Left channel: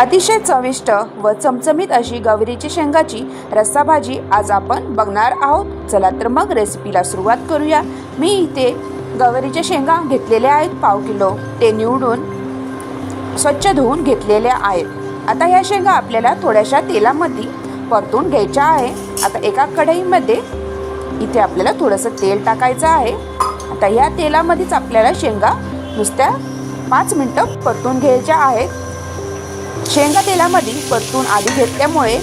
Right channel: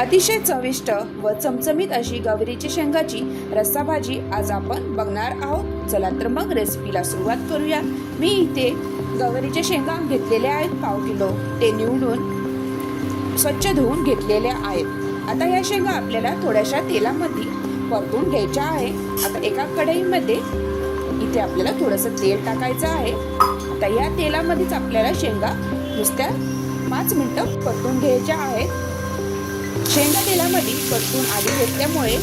अतिशय चविष्ट व चमचमीत अशी गवारीची शेंगाची रस्सा भाजी आज आपण बघणार आहोत। चला तर मग रेसिपीला सुरुवात करूया। मी इथे गवारीच्या शेंगा घेतलेल्या आहेत पाव किलो। ते निवडून स्वच्छ धुवून घेतलेल्या आहेत। आता या शेंगा आपल्याला थोड्याशा तेलामध्ये परतून घ्यायच्या आहे। आता एका कढईमध्ये इथे आपल्याला थोडंसं तेल टाकायचं आहे। आता या तेलामध्येच आपल्याला शेंगा नुसत्या 5 मिनिटं परतून घ्यायच्या आहेत। शेंगा तेलामध्ये परतून आधी घेतल्यामुळे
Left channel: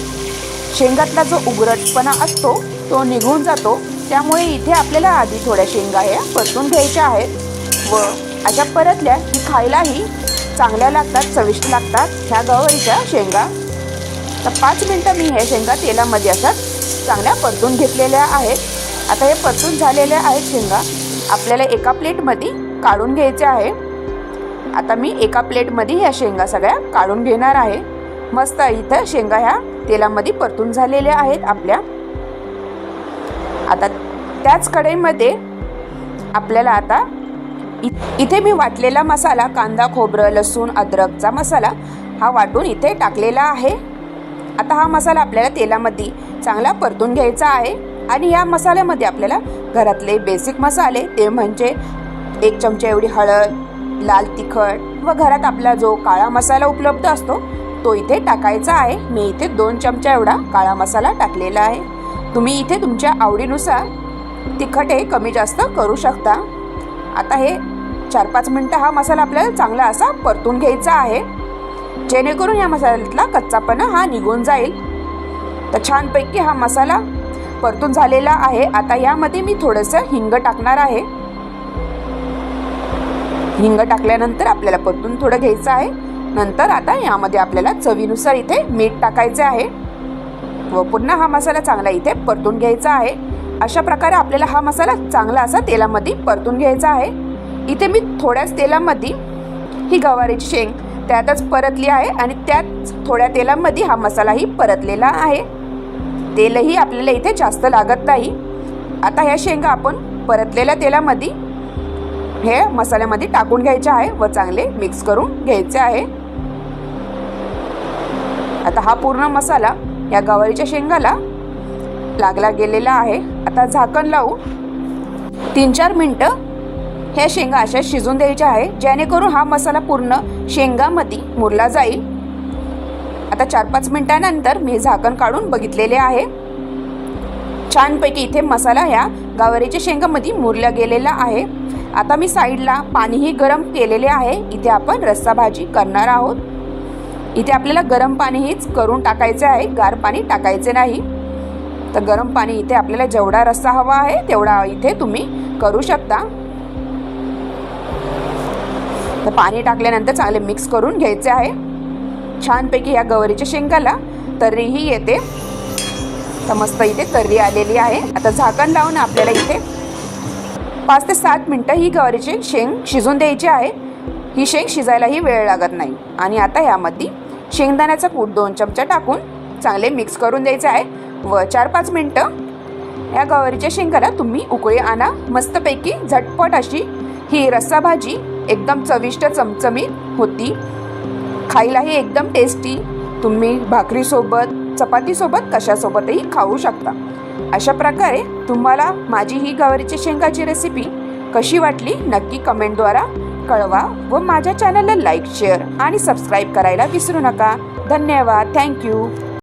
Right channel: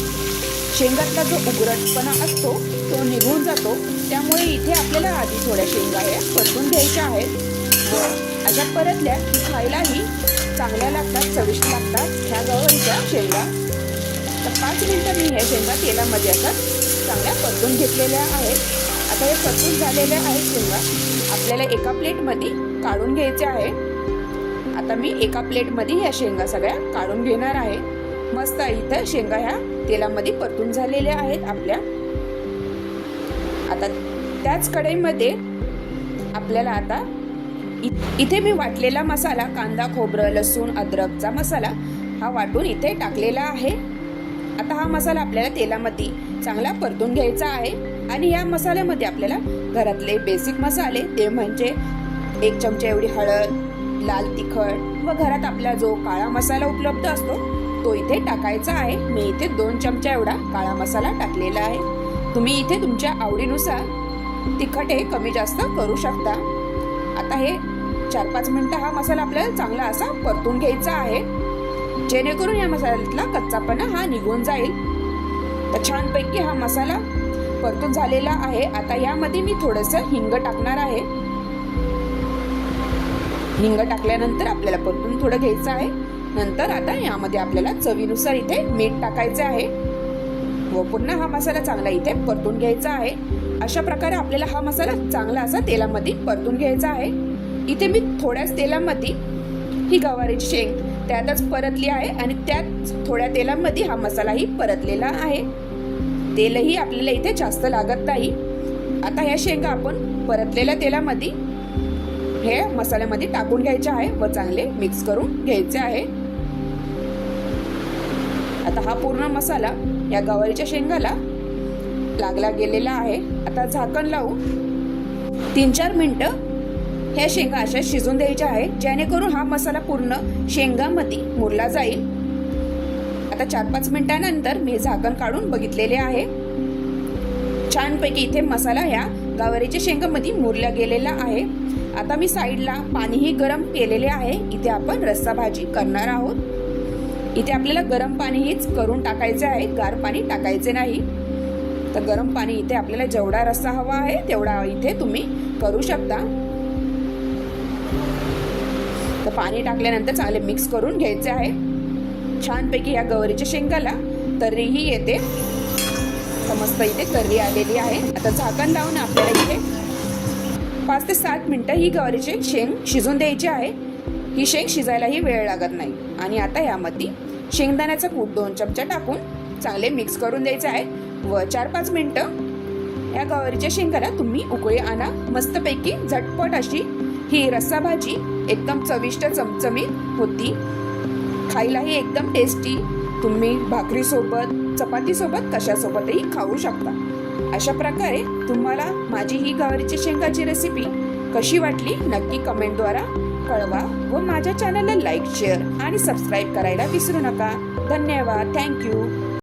शेंगातला जो उघरटपणा असतो तो निघून जातो। त्यामुळे इथे आपल्याला आधी थोड्या शेंगा ह्या परतून घ्यायच्या आहेत व अशा परतल्या की खायलाही चांगल्या लागतात, चविष्ट लागतात ह्या गवारीच्या शेंगा। तर 5 मिनिटं मी हे शेंगा तेलामध्ये असं चांगल्या परतून घेतलेल्या आहेत। आता हे परतून झालेल्या आहेत शेंगा आपल्याला एका प्लेटमध्ये काढून घ्यायच्या आहे। आता मी एका प्लेटमध्ये ह्या शेंगा सगळ्या काढून घेणार आहे। मस्त इथं शेंगा ह्या तेलामध्ये परतून झालेल्या आहेत आपल्या। आता त्याच कढईमध्ये आपल्याला आता इथे मी वाटलेला मसाला, कांदा, खोबरं, लसूण, अद्रकचा मसाला हा वाटून इथे टाकलेला आहे। आता हा मसाला आपल्याला तेलामध्ये चांगला परतून घ्यायचा आहे आणि या मसाल्यामध्ये आपल्याला घरातले बेसिक मसाले ते म्हणजे 1 चमचा एवढी हळद, लाल तिखट व घरात आपला जो काळा मसाला उपलब्ध असतो तो इथे टाकायचा आहे। मी इथे 2 चमचा एवढा काळा मसाला टाकलेला आहे। तुम्ही इथे तुमच्या आवडीनुसार तिखट हे कमी जास्त करू शकता। आता हे 4-5 मिनिटं हा मसाला आपल्याला चांगला असा परतून घ्यायचा आहे, जेणेकरून या मसाल्यातला कच्चापणा हा निघून जाईल। तर छानपैकी हा मसाला परतून झालेला आहे। आता यामध्ये मी थोडंसं हिंग टाकणार आहे। हिंग टाकल्यानंतर आपल्याला परतून थोडं घ्यायचं आहे। नंतर आता यामध्ये आपल्याला चवीनुसार इथे मीठ टाकायचे आहे व पुन्हा हा मसाला चांगला इथे परतून घ्यायचा आहे। अशा प्रकारे आपल्याला हा मसाला चांगला असा तेलामध्ये परतून घ्यायचा आहे। इथे मी थोड्याच तेलामध्ये ही गवारीची शेंग त्यातच परतली आहे आणि त्याच थोड्या तेलामध्ये हा मसालाही परतलेला आहे। तेलही आपल्याला इथे जास्त लागत नाही। आता ह्या शेंगा आपण परतलेल्या तेलामध्ये हे मसाल्यामध्ये टाकून घ्यायचे आहे व चांगले मिक्स करून घ्यायचे आहे। आता हा पूर्ण मसाला या गवारीच्या शेंगाला लागला गेलेला आहे। आता झाकण लावून 3-4 मिनिटं ह्या शेंगा अशा शिजून द्यायच्या आहे, जेणेकरून हा मसाला पूर्ण शेंगामध्ये मुरला जाईल। आता 4-5 मिनिटांनंतर मी झाकण काढून बघितलेले आहे। छानपैकी इथे मसाला ह्या गवारीच्या शेंगामध्ये मुरला गेलेला आहे। आता मी साईडला पाणीही गरम केलेले आहे। इथे आपण रस्सा भाजी करणार आहोत। इथे आपल्याला गरम पाणीहीच करून टाकायचे आहे, गार पाणी टाकायचे नाही। तर गरम पाणी इथे आपल्याला जेवढा रस्सा हवा आहे तेवढा इथे तुम्ही करू शकता। तर पाणी टाकल्यानंतर चांगले मिक्स करून घ्यायचे आहे। छानपैकी या गवारीच्या शेंगाला तर्रीही येते। तर मस्त इथे तर्री आलेली आहे। आता झाकण लावून आपल्याला इथे 5 ते 7 मिनिटं ही गवारीची शेंग शिजून द्यायची आहे। ही शेंग शिजायलाही वेळ लागत नाही। आणि आता यामध्ये शेंगदाण्याचा कूट 2 चमचा टाकून चांगले मिक्स करून द्यायचे आहे व 4-5 मिनिटं या गवारीच्या शेंगाला तुम्ही उकळी आणा। मस्तपैकी झटपट अशी ही रस्सा भाजी एकदम चविष्ट चमचमीत होती, खायलाही एकदम टेस्टी। तुम्ही भाकरीसोबत, चपातीसोबत कशासोबतही खाऊ शकता। अशा प्रकारे तुम्हाला माझी ही गवारीच्या शेंगाची रेसिपी कशी वाटली नक्की कमेंटद्वारा कळवा व माझ्या चॅनलला लाईक, शेअर आणि सबस्क्राईब करायला विसरू नका। धन्यवाद। थँक्यू।